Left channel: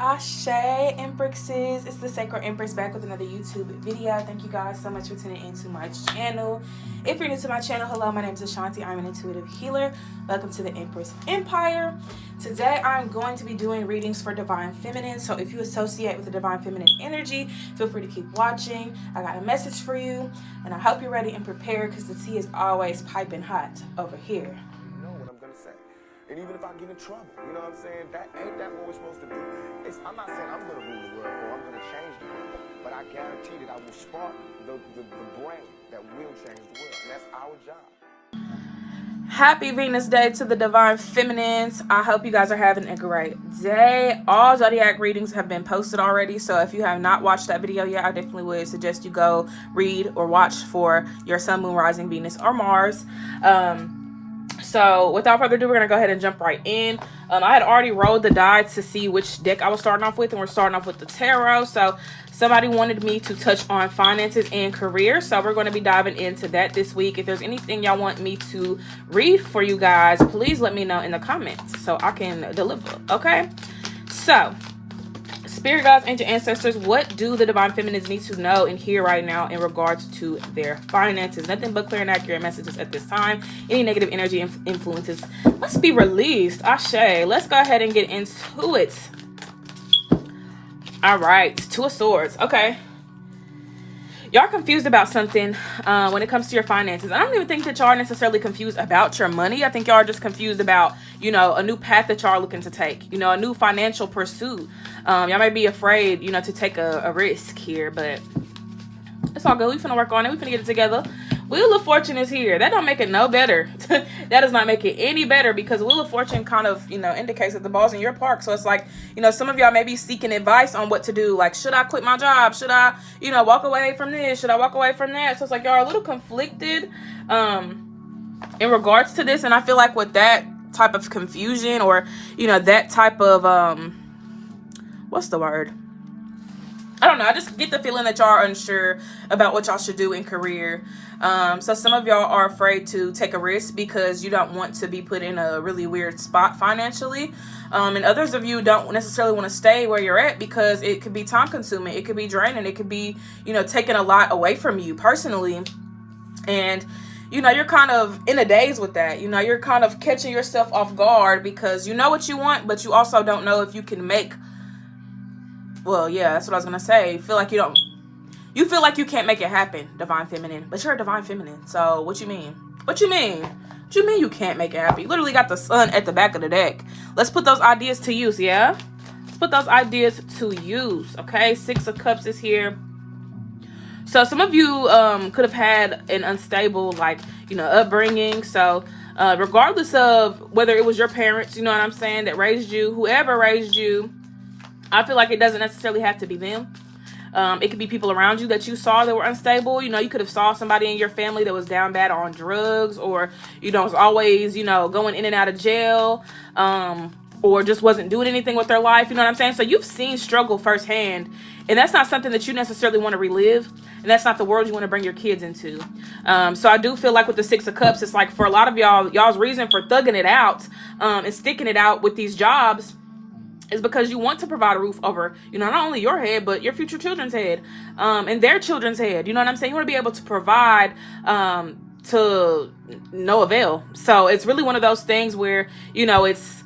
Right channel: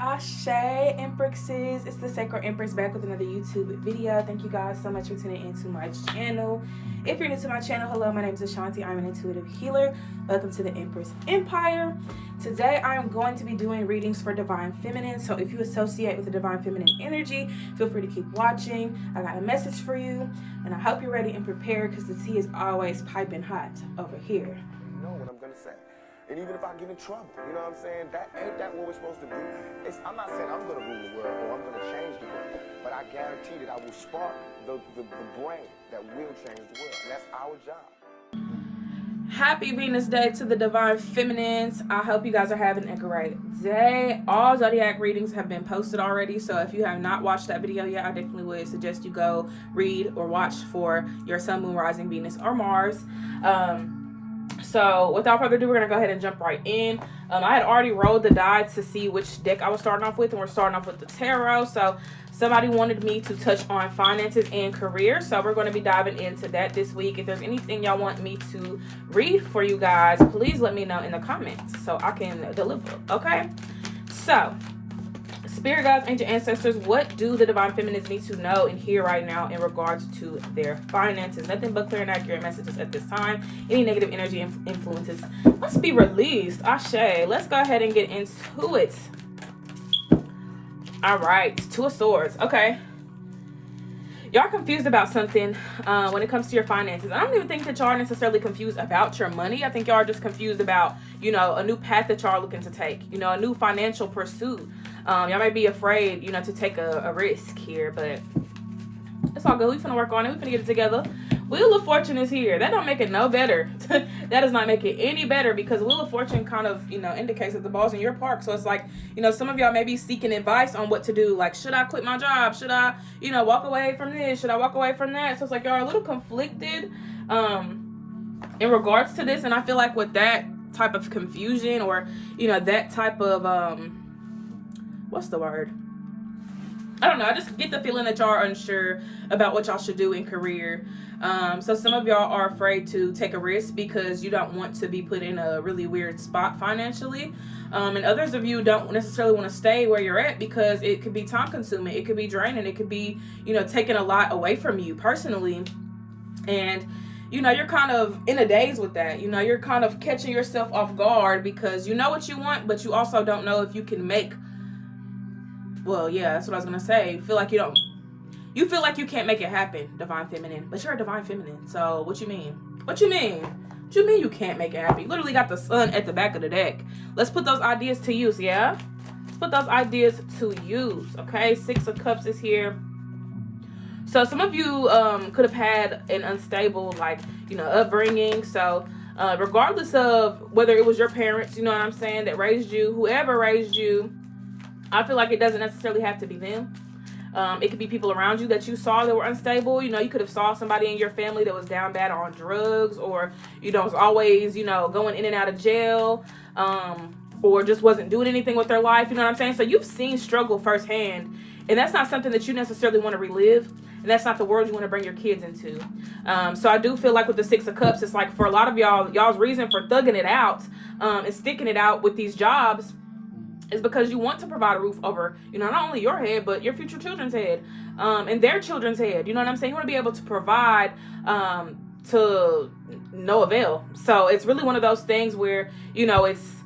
Ashe Empresses, it's the Sacred Empress back with another YouTube video. Thank you guys so much for tuning into my channel. If you're new to my channel, hello, my name is Ashanti. I'm an intuitive healer. Welcome to the Empress Empire. Today I'm going to be doing readings for Divine Feminine. So if you associate with the Divine Feminine energy, feel free to keep watching. I got a message for you, and I hope you're ready and prepared because the tea is always piping hot over here. You know what I'm gonna say. And even if I get in trouble, you know what I'm saying? That ain't that what we're supposed to do. I'm not saying I'm gonna rule the world or I'm gonna change the world, but I guarantee that I will spark the brain that will change the world, and that's our job. Happy Venus Day to the Divine Feminines. I hope you guys are having a great day. All Zodiac readings have been posted already, so if you have not watched that video yet, I definitely would suggest you go read or watch for your Sun, Moon, Rising, Venus, or Mars. So without further ado, we're going to go ahead and jump right in. I had already rolled the die to see which deck I was starting off with, and we're starting off with the tarot. So somebody wanted me to touch on finances and career, so we're going to be diving into that this week. If there's anything y'all want me to read for you guys, please let me know in the comments so I can deliver, okay? So, Spirit guides and your ancestors, what do the Divine Feminines need to know and hear right now in regards to their finances? Nothing but clear and accurate messages at this time. Any negative energy influences must be released. Ashe. Let's go ahead and get into it. All right. Two of Swords. Okay. Y'all are confused about something when it comes to your finances. I don't even think that y'all are necessarily confused about your money. I think y'all are just confused about, you know, a new path that y'all are looking to take, you know, a new financial pursuit. Y'all may be afraid, you know, to take a risk here, but it's all good. We finna work on it. We finna get it together. Wheel of Fortune is here. That don't make it no better. That does not make it any better, because Wheel of Fortune kind of, you know, indicates that the ball's in your park. So it's like, you know, some of y'all may be seeking advice on what to do. Like, should I quit my job? Should I, you know, walk away from this? Should I walk away from that? So it's like y'all are a little conflicted in regards to this. And I feel like with that type of confusion, or, you know, that type of, what's the word? I don't know. I just get the feeling that y'all are unsure about what y'all should do in career. So some of y'all are afraid to take a risk because you don't want to be put in a really weird spot financially. And others of you don't necessarily want to stay where you're at because it could be time consuming. It could be draining. It could be, you know, taking a lot away from you personally. And, you know, you're kind of in a daze with that. You know, you're kind of catching yourself off guard because you know what you want, but you also don't know if you can make. Well, yeah, that's what I was gonna say. You feel like you can't make it happen, Divine Feminine. But you're a Divine Feminine, so what you mean? What you mean? What you mean you can't make it happen? You literally got the sun at the back of the deck. Let's put those ideas to use, yeah? Let's put those ideas to use, okay? Six of Cups is here. So some of you could have had an unstable, like, you know, upbringing. So regardless of whether it was your parents, you know what I'm saying, that raised you, whoever raised you, I feel like it doesn't necessarily have to be them. It could be people around you that you saw that were unstable. You know, you could have saw somebody in your family that was down bad on drugs, or, you know, was always, you know, going in and out of jail, or just wasn't doing anything with their life. You know what I'm saying? So you've seen struggle firsthand, and that's not something that you necessarily want to relive. And that's not the world you want to bring your kids into. So I do feel like with the Six of Cups, it's like for a lot of y'all's reason for thugging it out and sticking it out with these jobs is because you want to provide a roof over, you know, not only your head, but your future children's head, and their children's head. You know what I'm saying? You want to be able to provide to no avail. So it's really one of those things where, you know, it's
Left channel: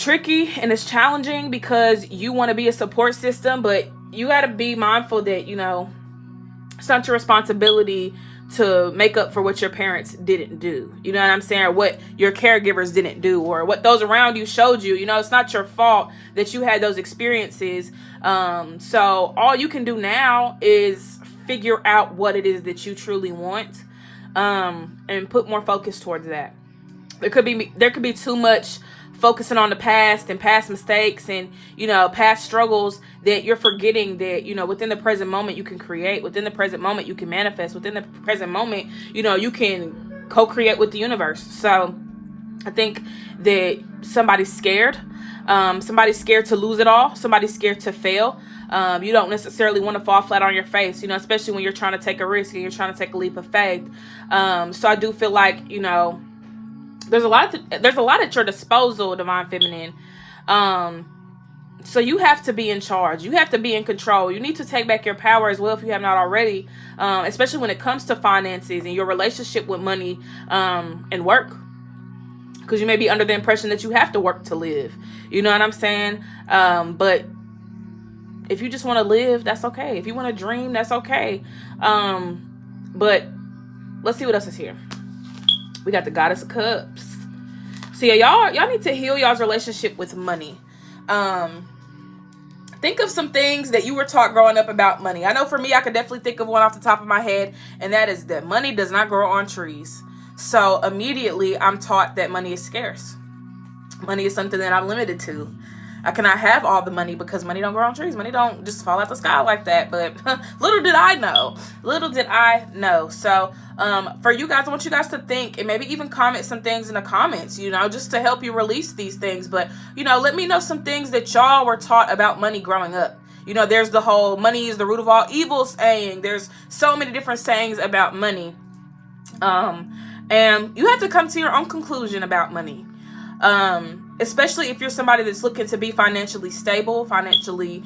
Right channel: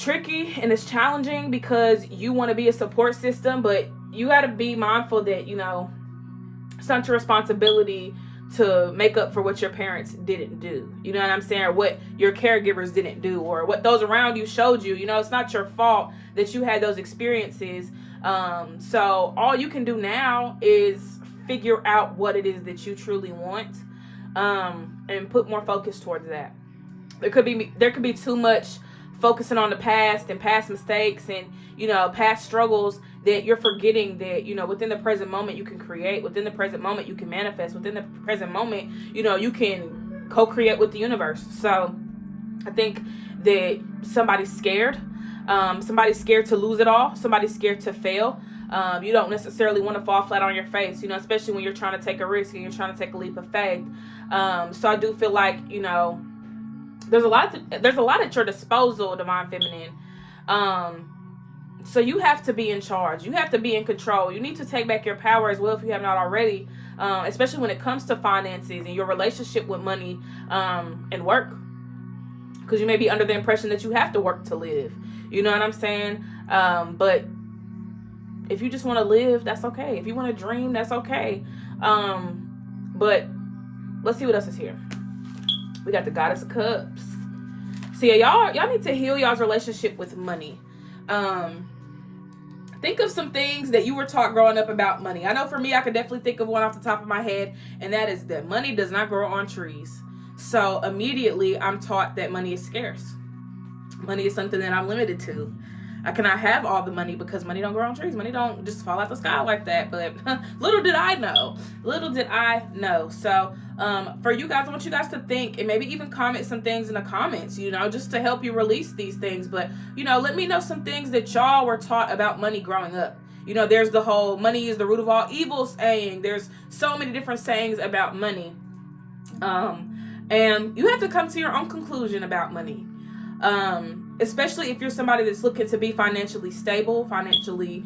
tricky and it's challenging because you want to be a support system, but you got to be mindful that, you know, it's not your responsibility to make up for what your parents didn't do. You know what I'm saying? Or what your caregivers didn't do, or what those around you showed you. You know, it's not your fault that you had those experiences. So all you can do now is figure out what it is that you truly want, and put more focus towards that. There could be too much focusing on the past and past mistakes and, you know, past struggles that you're forgetting that, you know, within the present moment you can create, within the present moment you can manifest, within the present moment, you know, you can co-create with the universe. So I think that somebody's scared to lose it all. Somebody's scared to fail. You don't necessarily want to fall flat on your face, you know, especially when you're trying to take a risk and you're trying to take a leap of faith. So I do feel like, you know, there's a lot at your disposal, Divine Feminine, So you have to be in charge. You have to be in control. You need to take back your power as well if you have not already, especially when it comes to finances and your relationship with money and work. Because you may be under the impression that you have to work to live. You know what I'm saying? But if you just want to live, that's okay. If you want to dream, that's okay. But let's see what else is here. We got the Goddess of Cups. So yeah, y'all need to heal y'all's relationship with money. Think of some things that you were taught growing up about money. I know for me, I could definitely think of one off the top of my head, and that is that money does not grow on trees. So immediately I'm taught that money is scarce. Money is something that I'm limited to. I cannot have all the money because money don't grow on trees. Money don't just fall out the sky like that. But little did I know. So for you guys, I want you guys to think and maybe even comment some things in the comments, just to help you release these things. But, let me know some things that y'all were taught about money growing up. There's the whole money is the root of all evil saying. There's so many different sayings about money. And you have to come to your own conclusion about money. Especially if you're somebody that's looking to be financially stable, financially,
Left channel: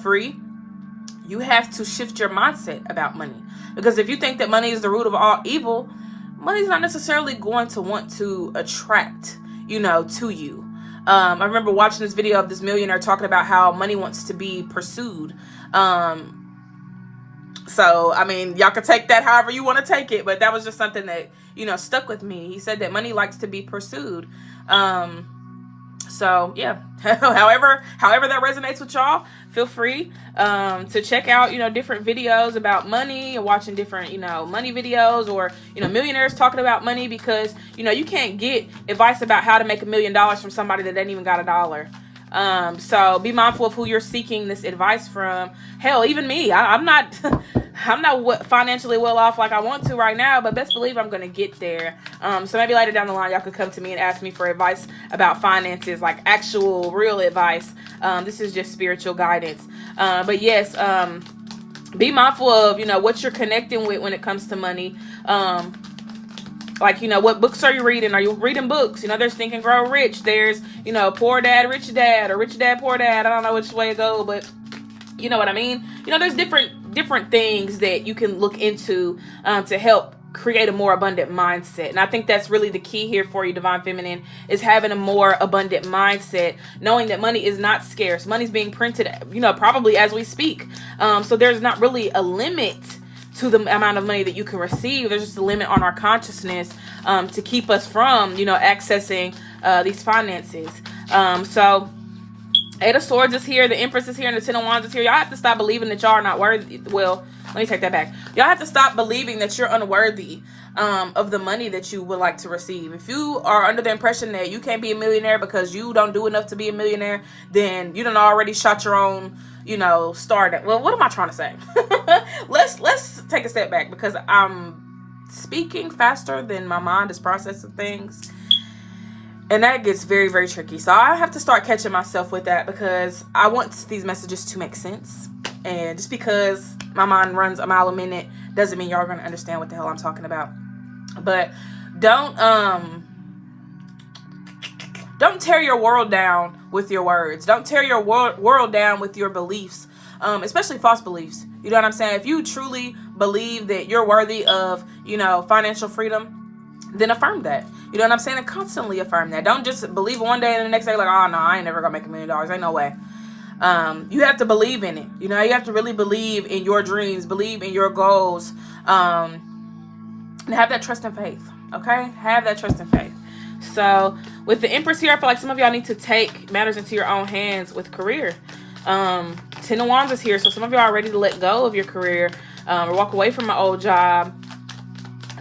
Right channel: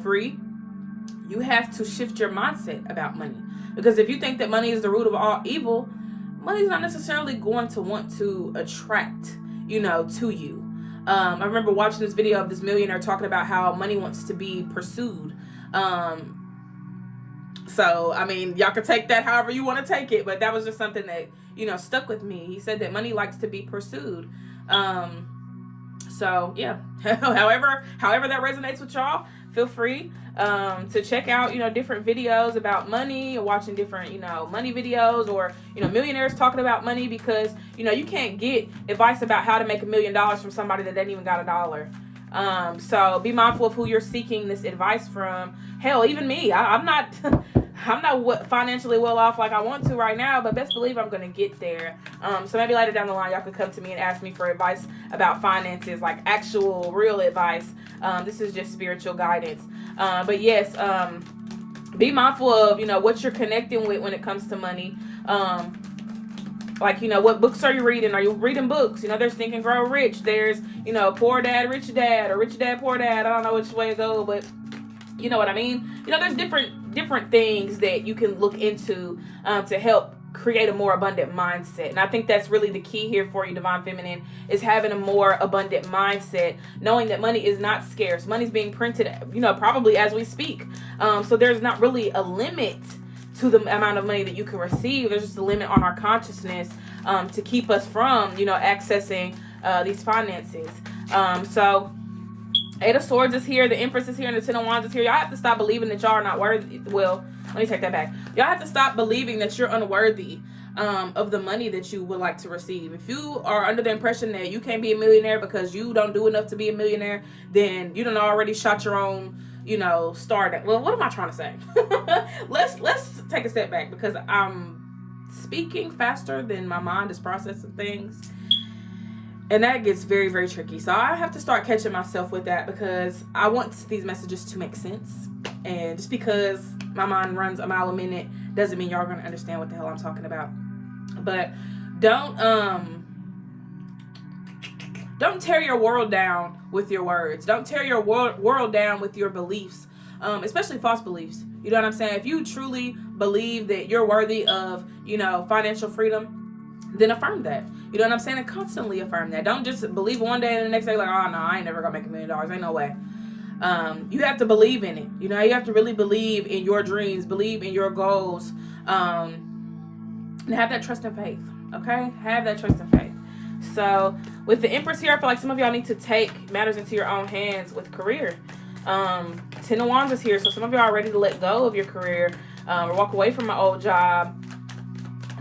free. You have to shift your mindset about money. Because if you think that money is the root of all evil, money's not necessarily going to want to attract, to you. I remember watching this video of this millionaire talking about how money wants to be pursued. So, y'all can take that however you want to take it, but that was just something that, stuck with me. He said that money likes to be pursued. So yeah, however that resonates with y'all, feel free to check out, different videos about money and watching different, money videos or, millionaires talking about money, because, you can't get advice about how to make $1 million from somebody that ain't even got $1. So be mindful of who you're seeking this advice from. Hell, even me, I'm not financially well off like I want to right now, but best believe I'm going to get there. So maybe later down the line, y'all could come to me and ask me for advice about finances, like actual real advice. This is just spiritual guidance. But yes, be mindful of, what you're connecting with when it comes to money. What books are you reading? Are you reading books? There's Think and Grow Rich. There's, Poor Dad, Rich Dad, or Rich Dad, Poor Dad. I don't know which way it goes, but you know what I mean? There's different things that you can look into to help create a more abundant mindset. And I think that's really the key here for you, Divine Feminine, is having a more abundant mindset, knowing that money is not scarce. Money's being printed, probably as we speak. So there's not really a limit to the amount of money that you can receive. There's just a limit on our consciousness to keep us from, accessing these finances. So Eight of Swords is here, the Empress is here, and the Ten of Wands is here. Y'all have to stop believing that y'all are not worthy. Well, let me take that back. Y'all have to stop believing that you're unworthy of the money that you would like to receive. If you are under the impression that you can't be a millionaire because you don't do enough to be a millionaire, then you done already shot your own, start. Well, what am I trying to say? Let's take a step back, because I'm speaking faster than my mind is processing things. And that gets very, very tricky. So I have to start catching myself with that, because I want these messages to make sense. And just because my mind runs a mile a minute doesn't mean y'all are going to understand what the hell I'm talking about. But don't tear your world down with your words. Don't tear your world down with your beliefs, especially false beliefs. You know what I'm saying? If you truly believe that you're worthy of, financial freedom, then affirm that. You know what I'm saying? And constantly affirm that. Don't just believe one day and the next day like, oh no, I ain't never gonna make $1 million. Ain't no way. You have to believe in it. You have to really believe in your dreams, believe in your goals, and have that trust and faith. Okay? Have that trust and faith. So with the Empress here, I feel like some of y'all need to take matters into your own hands with career. Ten of Wands is here, so some of y'all are ready to let go of your career or walk away from an old job.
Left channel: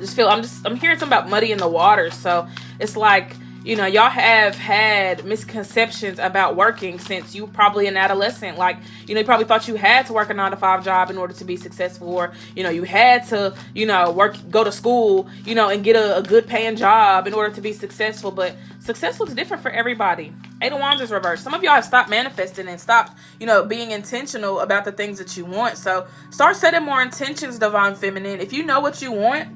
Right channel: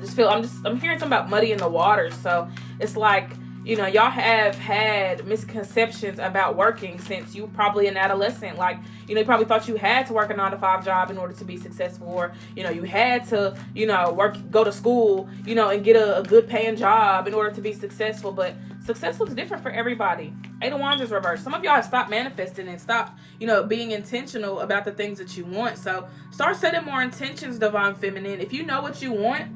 I'm hearing something about muddy in the water. So it's like, y'all have had misconceptions about working since you probably an adolescent. Like, you probably thought you had to work a 9-to-5 job in order to be successful, or, you had to, go to school, and get a good paying job in order to be successful. But success looks different for everybody. Eight of Wands is reversed. Some of y'all have stopped manifesting and stopped, being intentional about the things that you want. So start setting more intentions, Divine Feminine. If you know what you want,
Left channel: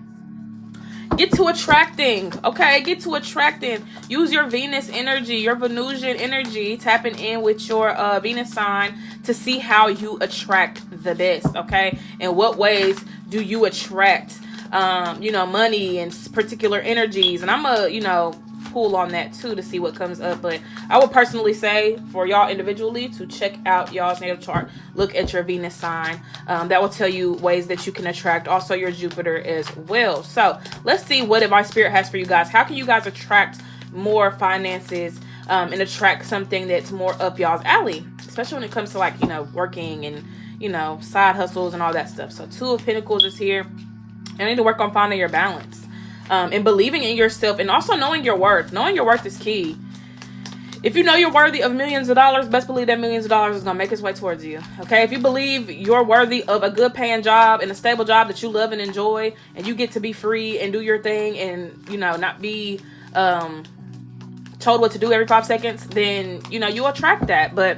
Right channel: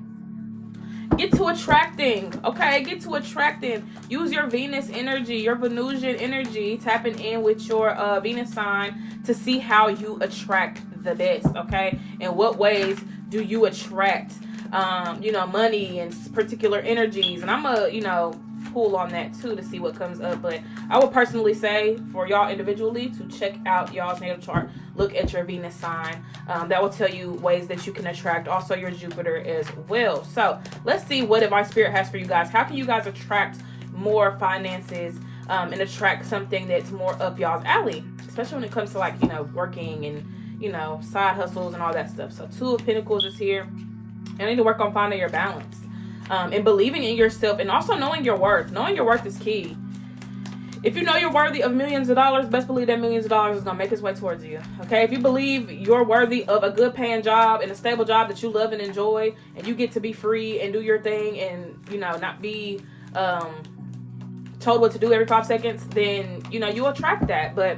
Get to attracting, okay? Get to attracting. Use your Venus energy, your Venusian energy, tapping in with your Venus sign to see how you attract the best, okay? In what ways do you attract, money and particular energies? And I'm pull on that too to see what comes up. But I would personally say for y'all individually to check out y'all's natal chart, look at your Venus sign. That will tell you ways that you can attract, also your Jupiter as well. So let's see what advice Spirit has for you guys. How can you guys attract more finances and attract something that's more up y'all's alley, especially when it comes to working and side hustles and all that stuff. So Two of Pentacles is here. I need to work on finding your balance. And believing in yourself, and also knowing your worth. Knowing your worth is key. If you know you're worthy of millions of dollars, best believe that millions of dollars is going to make its way towards you. Okay? If you believe you're worthy of a good paying job and a stable job that you love and enjoy, and you get to be free and do your thing and, not be told what to do every 5 seconds, then, you'll attract that. But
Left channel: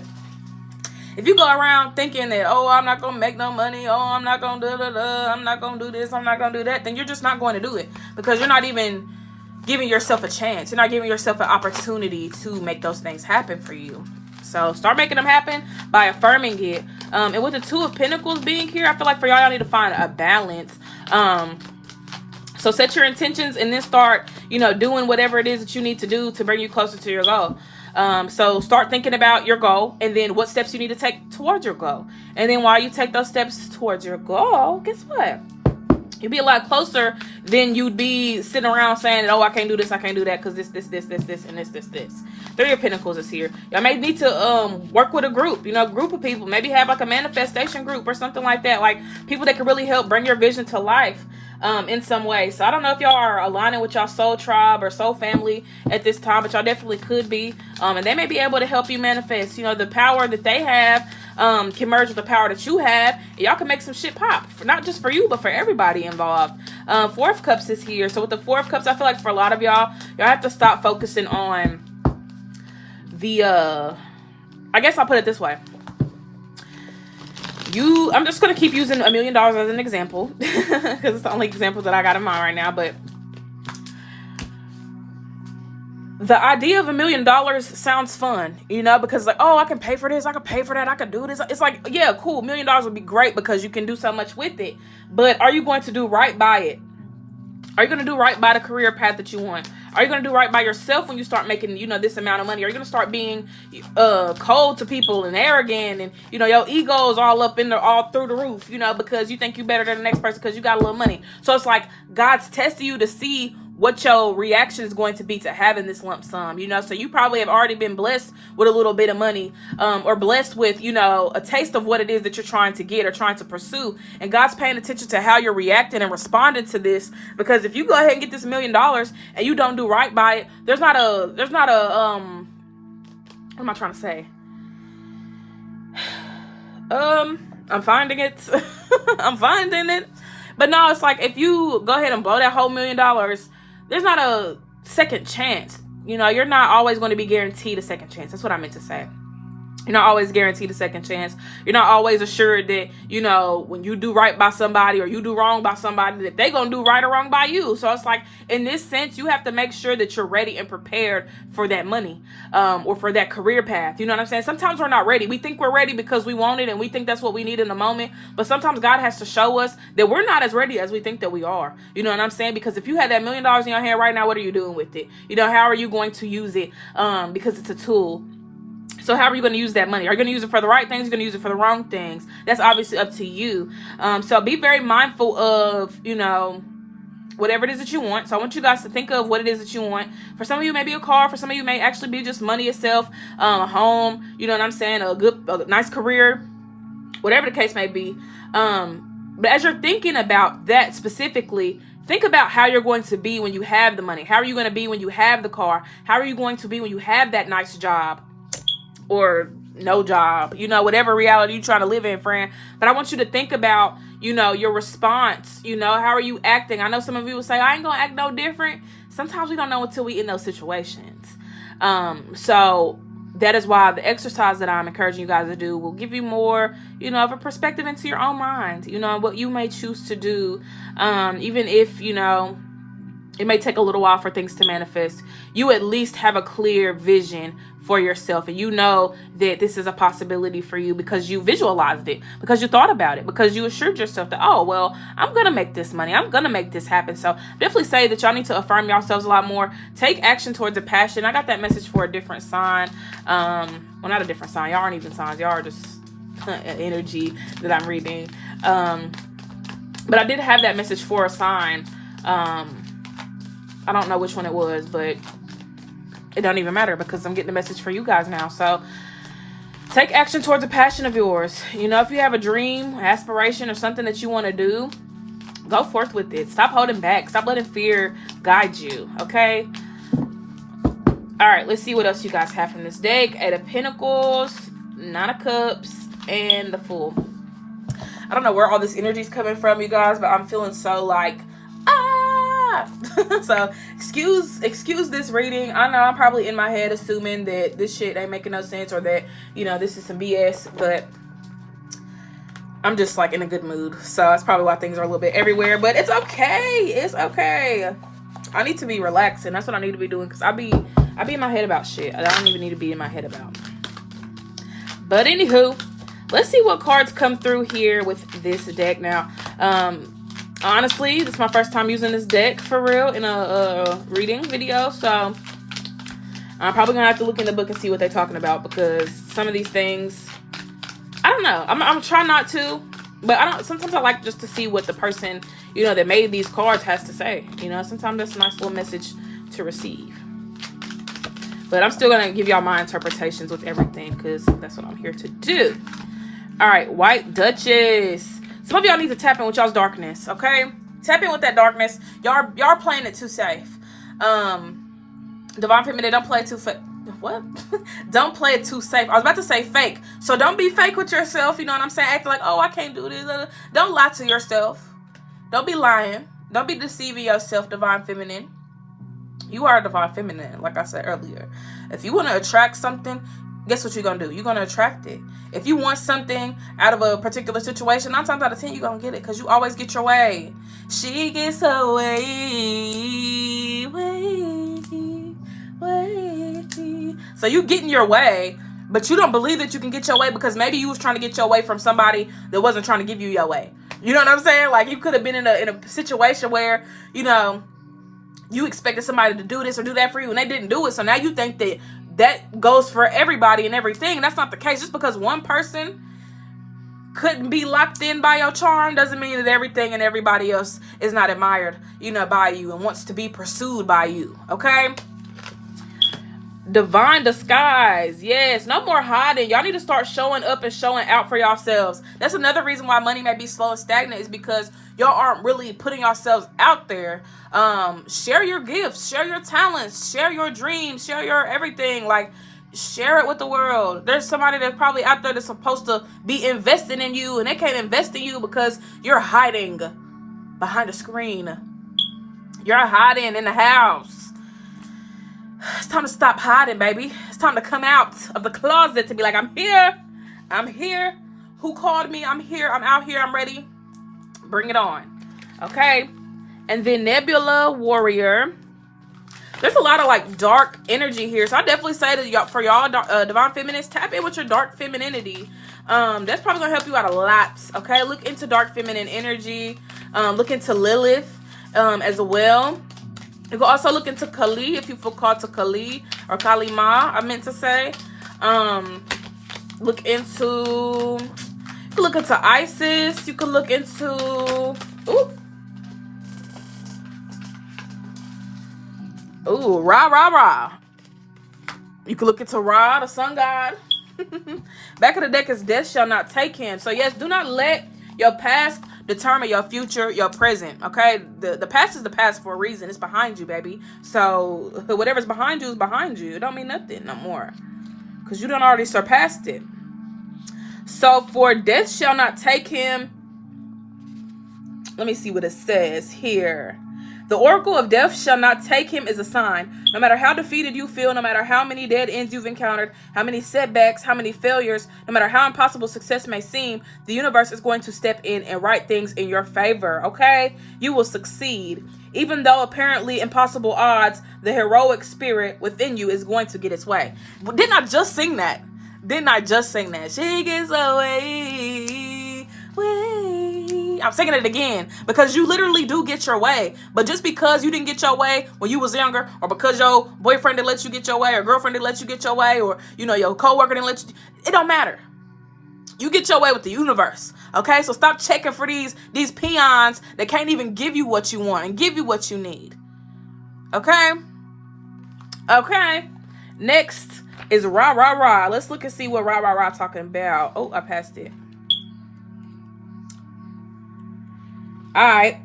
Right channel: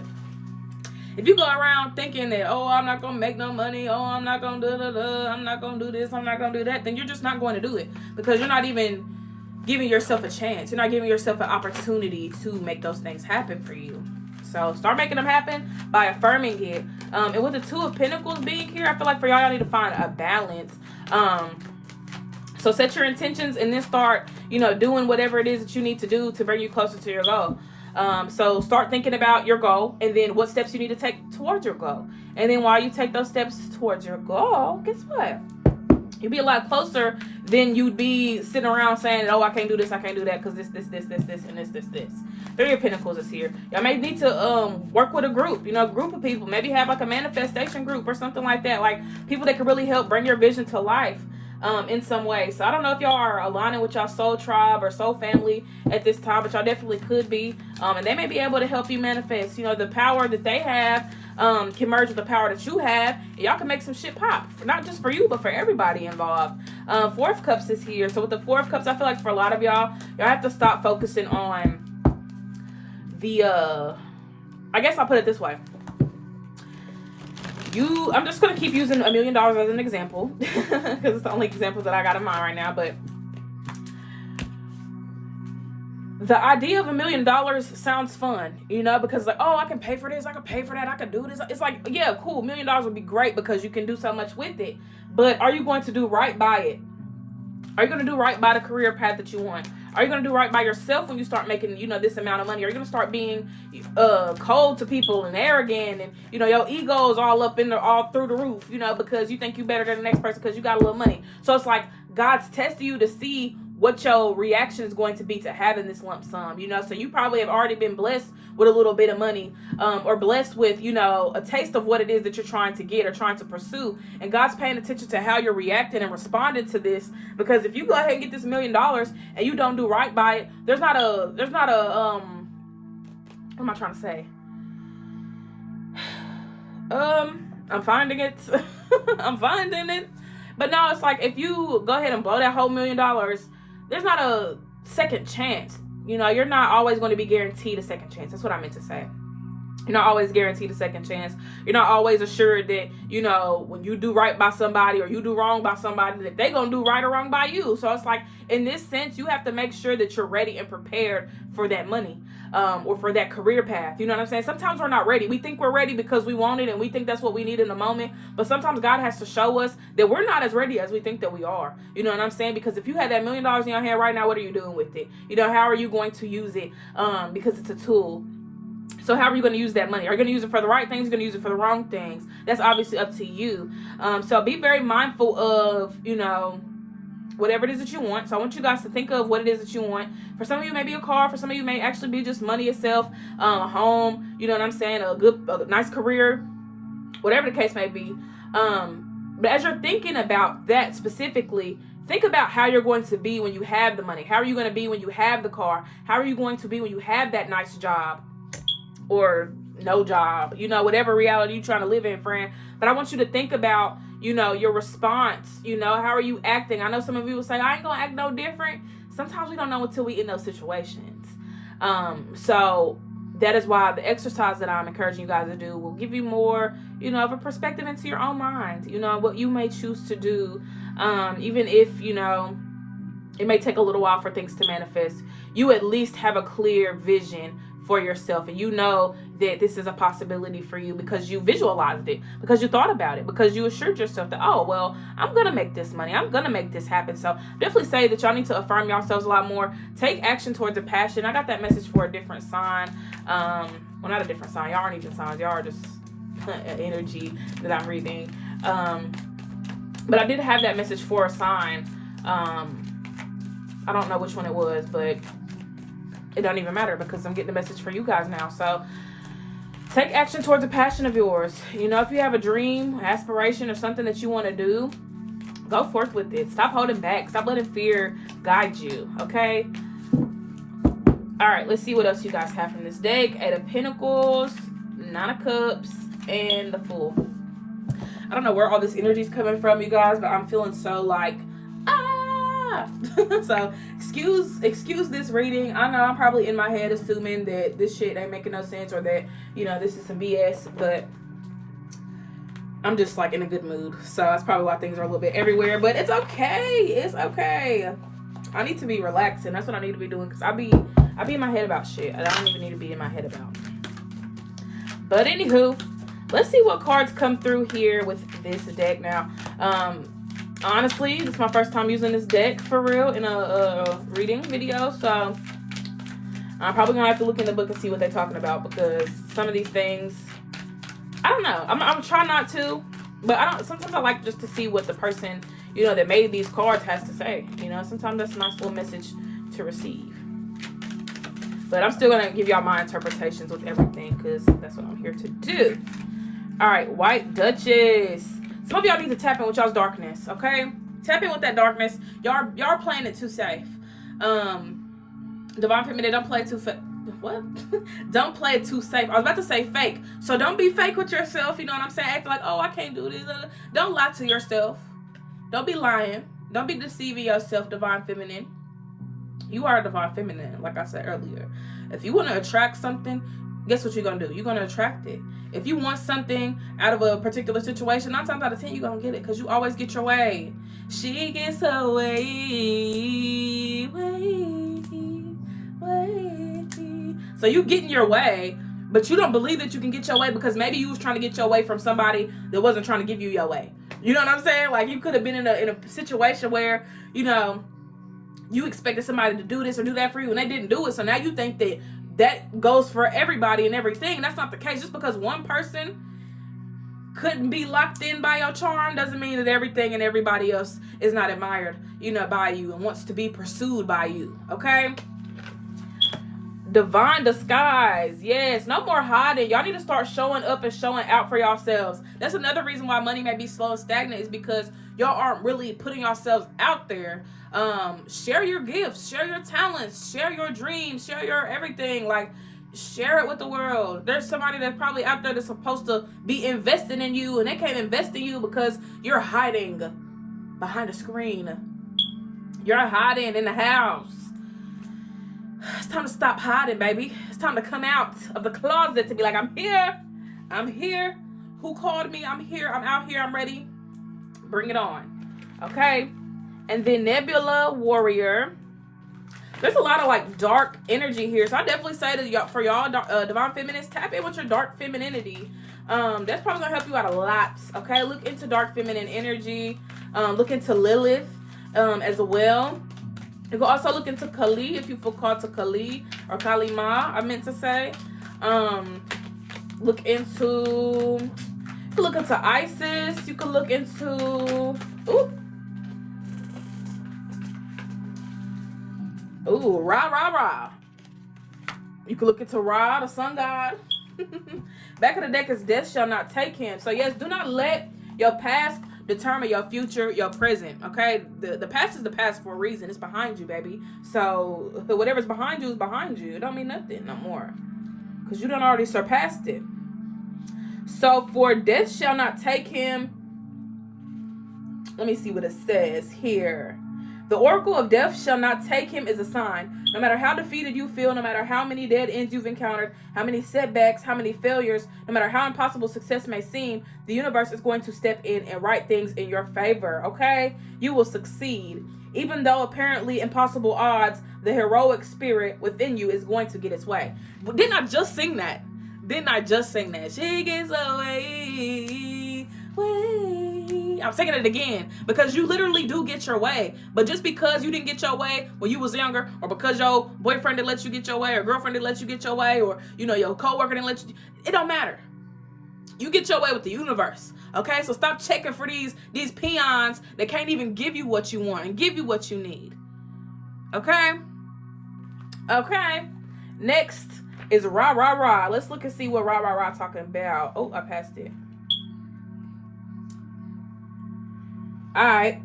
if you go around thinking that, I'm not going to make no money, I'm not going to I'm not going to do this, I'm not going to do that, then you're just not going to do it, because you're not even giving yourself a chance. You're not giving yourself an opportunity to make those things happen for you. So start making them happen by affirming it. And with the Two of Pentacles being here, I feel like for y'all need to find a balance. So set your intentions and then start, doing whatever it is that you need to do to bring you closer to your goal. So start thinking about your goal and then what steps you need to take towards your goal. And then while you take those steps towards your goal, guess what? You'd be a lot closer than you'd be sitting around saying, I can't do this, I can't do that, because this, and this. Three of Pentacles is here. Y'all may need to work with a group, group of people. Maybe have like a manifestation group or something like that. Like people that can really help bring your vision to life. In some way. So I don't know if y'all are aligning with y'all soul tribe or soul family at this time, but y'all definitely could be. And they may be able to help you manifest. The power that they have can merge with the power that you have, and y'all can make some shit pop. Not just for you, but for everybody involved. Four of Cups is here. So with the Four of Cups, I feel like for a lot of y'all have to stop focusing on the I guess I'll put it this way. I'm just going to keep using $1 million as an example because it's the only example that I got in mind right now. But the idea of $1 million sounds fun, because I can pay for this, I can pay for that, I can do this. It's like, yeah, cool. $1 million would be great because you can do so much with it. But are you going to do right by it? Are you going to do right by the career path that you want? Are you going to do right by yourself when you start making, this amount of money? Are you going to start being cold to people and arrogant and, your ego's all through the roof, because you think you better than the next person because you got a little money. So it's like God's testing you to see what your reaction is going to be to having this lump sum, so you probably have already been blessed with a little bit of money, or blessed with, a taste of what it is that you're trying to get or trying to pursue. And God's paying attention to how you're reacting and responding to this, because if you go ahead and get this $1 million and you don't do right by it, there's not a what am I trying to say? I'm finding it. I'm finding it. But no, it's like if you go ahead and blow that whole $1 million, there's not a second chance. You're not always going to be guaranteed a second chance. That's what I meant to say. You're not always guaranteed a second chance. You're not always assured that, when you do right by somebody or you do wrong by somebody, that they're going to do right or wrong by you. So it's like, in this sense, you have to make sure that you're ready and prepared for that money, or for that career path. You know what I'm saying? Sometimes we're not ready. We think we're ready because we want it and we think that's what we need in the moment. But sometimes God has to show us that we're not as ready as we think that we are. You know what I'm saying? Because if you had that $1 million in your hand right now, what are you doing with it? How are you going to use it? Because it's a tool. So how are you going to use that money? Are you going to use it for the right things? Are you going to use it for the wrong things? That's obviously up to you. So be very mindful of, whatever it is that you want. So I want you guys to think of what it is that you want. For some of you, maybe a car. For some of you, it may actually be just money itself, a home, you know what I'm saying? A nice career, whatever the case may be. But as you're thinking about that specifically, think about how you're going to be when you have the money. How are you going to be when you have the car? How are you going to be when you have that nice job? Or no job, whatever reality you're trying to live in, friend. But I want you to think about, your response. How are you acting? I know some of you will say, I ain't gonna act no different. Sometimes we don't know until we in those situations. So that is why the exercise that I'm encouraging you guys to do will give you more, of a perspective into your own mind, what you may choose to do. Even if, It may take a little while for things to manifest. You at least have a clear vision for yourself, and you know that this is a possibility for you because you visualized it, because you thought about it, because you assured yourself that, oh, well, I'm gonna make this money, I'm gonna make this happen. So definitely say that y'all need to affirm yourselves a lot more. Take action towards a passion. I got that message for a different sign. Well, not a different sign, y'all aren't even signs, y'all are just energy that I'm reading. But I did have that message for a sign. I don't know which one it was, but it don't even matter because I'm getting the message for you guys now. So take action towards a passion of yours. You know, if you have a dream, aspiration, or something that you want to do, go forth with it. Stop holding back. Stop letting fear guide you, okay? All right, let's see what else you guys have from this deck. 8 of Pentacles, 9 of Cups, and the Fool. I don't know where all this energy is coming from, you guys, but I'm feeling so like, so excuse this reading. I know I'm probably in my head assuming that this shit ain't making no sense, or that, you know, this is some BS, but I'm just like in a good mood. So that's probably why things are a little bit everywhere, but it's okay. It's okay. I need to be relaxing. That's what I need to be doing, because I be in my head about shit I don't even need to be in my head about. But anywho, let's see what cards come through here with this deck now. Honestly, this is my first time using this deck for real in a reading video, so I'm probably gonna have to look in the book and see what they're talking about, because some of these things, I don't know. I'm trying not to, but I don't. Sometimes I like just to see what the person, you know, that made these cards has to say. You know, sometimes that's a nice little message to receive. But I'm still gonna give y'all my interpretations with everything, because that's what I'm here to do. All right, White Duchess. Some of y'all need to tap in with y'all's darkness, okay? Tap in with that darkness. Y'all playing it too safe. Divine Feminine, don't play it too fake. What? Don't play it too safe. I was about to say fake. So don't be fake with yourself, you know what I'm saying? Act like, oh, I can't do this. Don't lie to yourself. Don't be lying. Don't be deceiving yourself, Divine Feminine. You are a Divine Feminine, like I said earlier. If you want to attract something, guess what you're going to do? You're going to attract it. If you want something out of a particular situation, 9 times out of 10, you're going to get it, because you always get your way. She gets her way. So you getting your way, but you don't believe that you can get your way, because maybe you was trying to get your way from somebody that wasn't trying to give you your way. You know what I'm saying? Like, you could have been in a situation where, you know, you expected somebody to do this or do that for you, and they didn't do it. So now you think that goes for everybody and everything. That's not the case. Just because one person couldn't be locked in by your charm doesn't mean that everything and everybody else is not admired, you know, by you and wants to be pursued by you, okay? Divine disguise. Yes, no more hiding. Y'all need to start showing up and showing out for yourselves. That's another reason why money may be slow and stagnant, is because y'all aren't really putting yourselves out there. Share your gifts, share your talents, share your dreams, share your everything. Like, share it with the world. There's somebody that's probably out there that's supposed to be investing in you, and they can't invest in you because you're hiding behind a screen. You're hiding in the house. It's time to stop hiding, baby. It's time to come out of the closet to be like, I'm here. I'm here. Who called me? I'm here. I'm out here. I'm ready. Bring it on. Okay? And then Nebula Warrior. There's a lot of like dark energy here. So I definitely say to y'all, for y'all Divine Feminines, tap in with your dark femininity. That's probably going to help you out a lot. Okay? Look into dark feminine energy. Look into Lilith as well. You can also look into Kali if you feel called to Kali, or Kali Ma, I meant to say. Look into Isis. You can look into Ra. You can look into Ra, the sun god. Back of the deck is Death Shall Not Take Him. So yes, do not let your past determine your future, your present, okay? The past is the past for a reason. It's behind you, baby. So whatever's behind you is behind you. It don't mean nothing no more, because you done already surpassed it. So for Death Shall Not Take Him, let me see what it says here. The oracle of death shall not take him is a sign. No matter how defeated you feel, no matter how many dead ends you've encountered, how many setbacks, how many failures, no matter how impossible success may seem, the universe is going to step in and write things in your favor, okay? You will succeed. Even though apparently impossible odds, the heroic spirit within you is going to get its way. Didn't I just sing that? She gets away. I'm singing it again because you literally do get your way. But just because you didn't get your way when you was younger, or because your boyfriend didn't let you get your way, or girlfriend didn't let you get your way, or your coworker didn't let you, it don't matter. You get your way with the universe, okay? So stop checking for these peons that can't even give you what you want and give you what you need, okay? Okay. Next is rah, rah, rah. Let's look and see what rah, rah, rah talking about. Oh, I passed it. All right.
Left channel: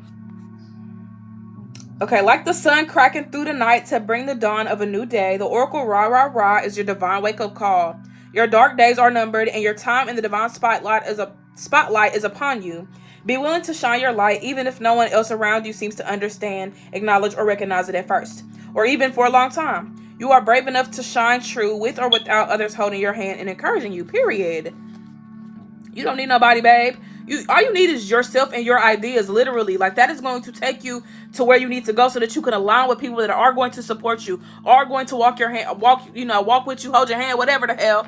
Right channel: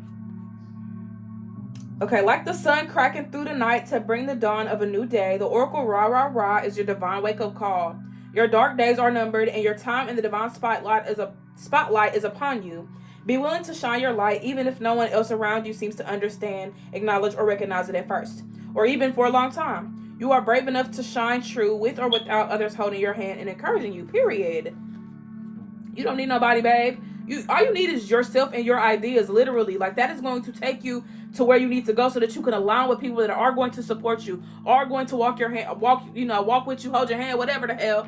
Okay, like the sun cracking through the night to bring the dawn of a new day, the oracle rah, rah, rah is your divine wake-up call. Your dark days are numbered, and your time in the divine spotlight is upon you. Be willing to shine your light, even if no one else around you seems to understand, acknowledge, or recognize it at first, or even for a long time. You are brave enough to shine true with or without others holding your hand and encouraging you, period. You don't need nobody, babe. All you need is yourself and your ideas, literally. Like, that is going to take you to where you need to go so that you can align with people that are going to support you, are going to walk with you, hold your hand, whatever the hell.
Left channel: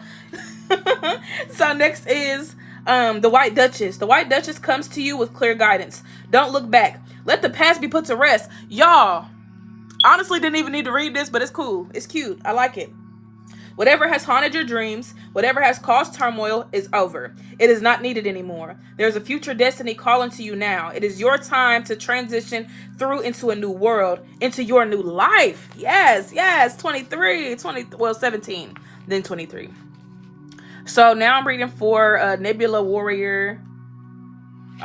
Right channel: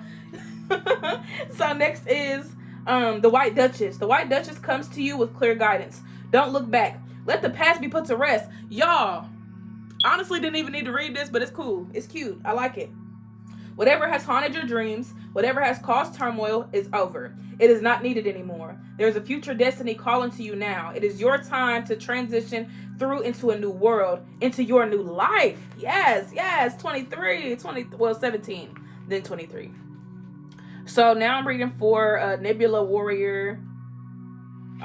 So next is the White Duchess. The White Duchess comes to you with clear guidance. Don't look back. Let the past be put to rest. Y'all, honestly didn't even need to read this, but it's cool. It's cute. I like it. Whatever has haunted your dreams, whatever has caused turmoil is over. It is not needed anymore. There's a future destiny calling to you now. It is your time to transition through into a new world, into your new life. Yes, 17, then 23. So now I'm reading for Nebula Warrior.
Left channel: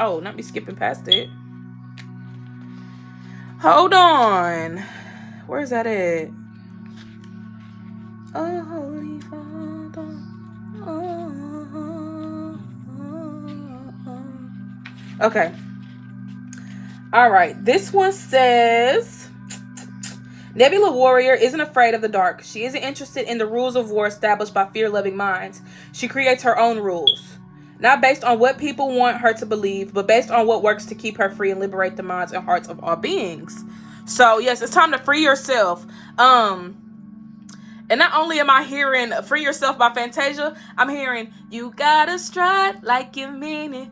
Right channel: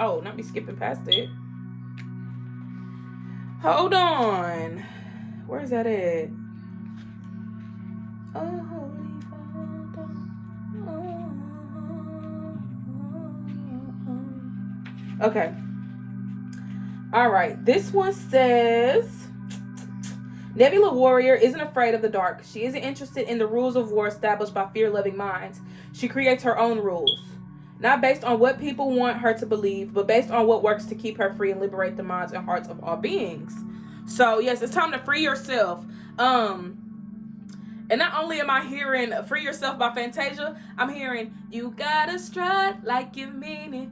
Oh, not me skipping past it. Hold on. Where's that at? Oh, Holy Father. Okay. All right. This one says, Nebula Warrior isn't afraid of the dark. She isn't interested in the rules of war established by fear-loving minds. She creates her own rules. Not based on what people want her to believe, but based on what works to keep her free and liberate the minds and hearts of all beings. So, yes, it's time to free yourself. And not only am I hearing Free Yourself by Fantasia, I'm hearing, you gotta stride like you mean it.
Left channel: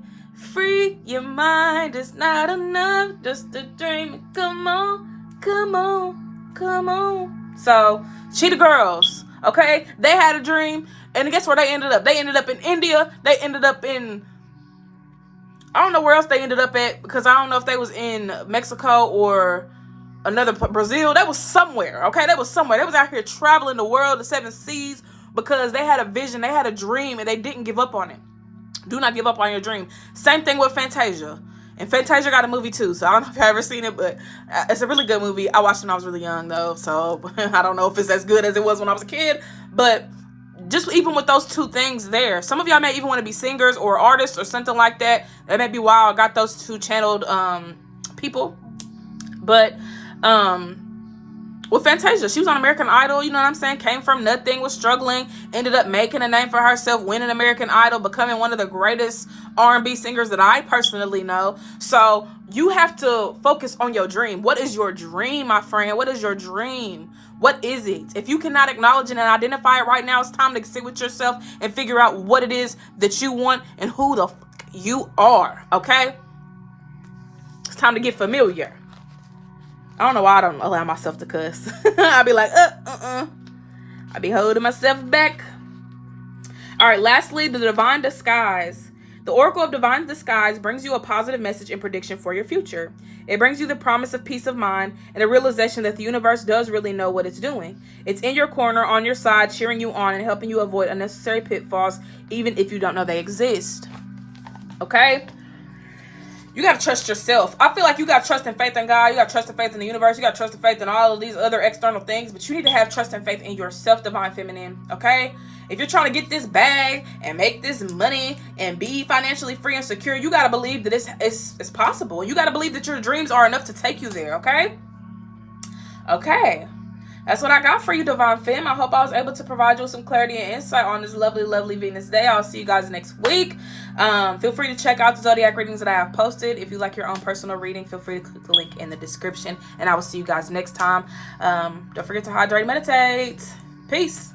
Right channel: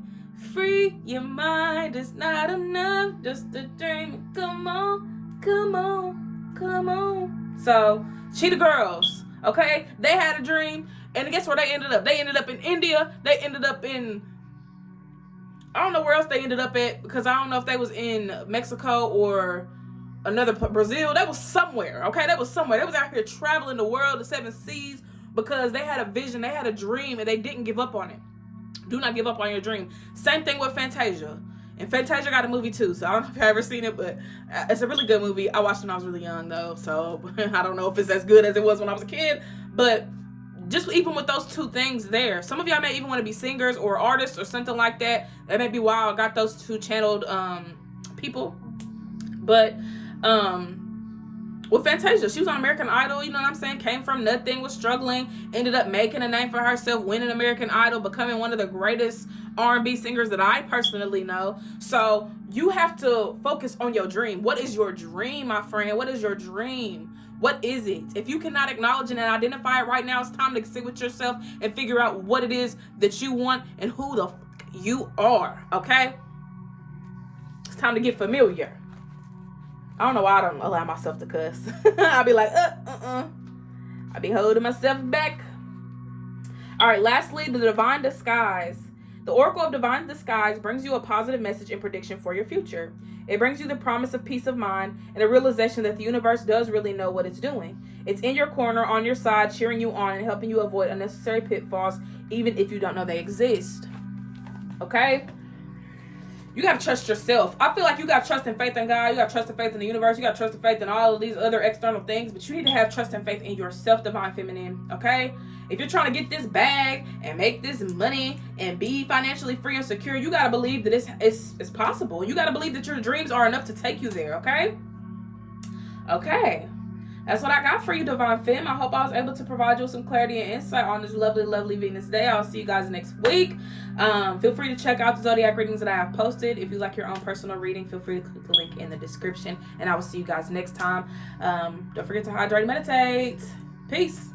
Free your mind, it's not enough just to dream. Come on, come on, come on. So, Cheetah Girls, okay? They had a dream, and guess where they ended up? They ended up in India. They ended up in, I don't know where else they ended up at, because I don't know if they was in Mexico or another Brazil. That was somewhere, okay? That was somewhere. They was out here traveling the world, the 7 seas, because they had a vision, they had a dream, and they didn't give up on it. Do not give up on your dream. Same thing with Fantasia. And Fantasia got a movie too, so I don't know if you've ever seen it, but it's a really good movie. I watched it when I was really young, though, so I don't know if it's as good as it was when I was a kid, but just even with those two things there, some of y'all may even want to be singers or artists or something like that. That may be why I got those two channeled people. But with Fantasia, she was on American Idol, you know what I'm saying? Came from nothing, was struggling, ended up making a name for herself, winning American Idol, becoming one of the greatest R&B singers that I personally know. So you have to focus on your dream. What is your dream, my friend? What is your dream? What is it? If you cannot acknowledge it and identify it right now, it's time to sit with yourself and figure out what it is that you want and who the fuck you are, okay? It's time to get familiar. I don't know why I don't allow myself to cuss. I'll be like, I'll be holding myself back. All right, lastly, the Divine Disguise. The Oracle of Divine Disguise brings you a positive message and prediction for your future. It brings you the promise of peace of mind and a realization that the universe does really know what it's doing. It's in your corner, on your side, cheering you on and helping you avoid unnecessary pitfalls, even if you don't know they exist. Okay? You got to trust yourself. I feel like you got trust and faith in God. You got trust and faith in the universe. You got trust and faith in all of these other external things. But you need to have trust and faith in yourself, Divine Feminine. Okay? If you're trying to get this bag and make this money and be financially free and secure, you got to believe that it's possible. You got to believe that your dreams are enough to take you there. Okay? Okay. That's what I got for you, Divine Femme. I hope I was able to provide you with some clarity and insight on this lovely, lovely Venus day. I'll see you guys next week. Feel free to check out the zodiac readings that I have posted. If you like your own personal reading, feel free to click the link in the description. And I will see you guys next time. Don't forget to hydrate and meditate. Peace.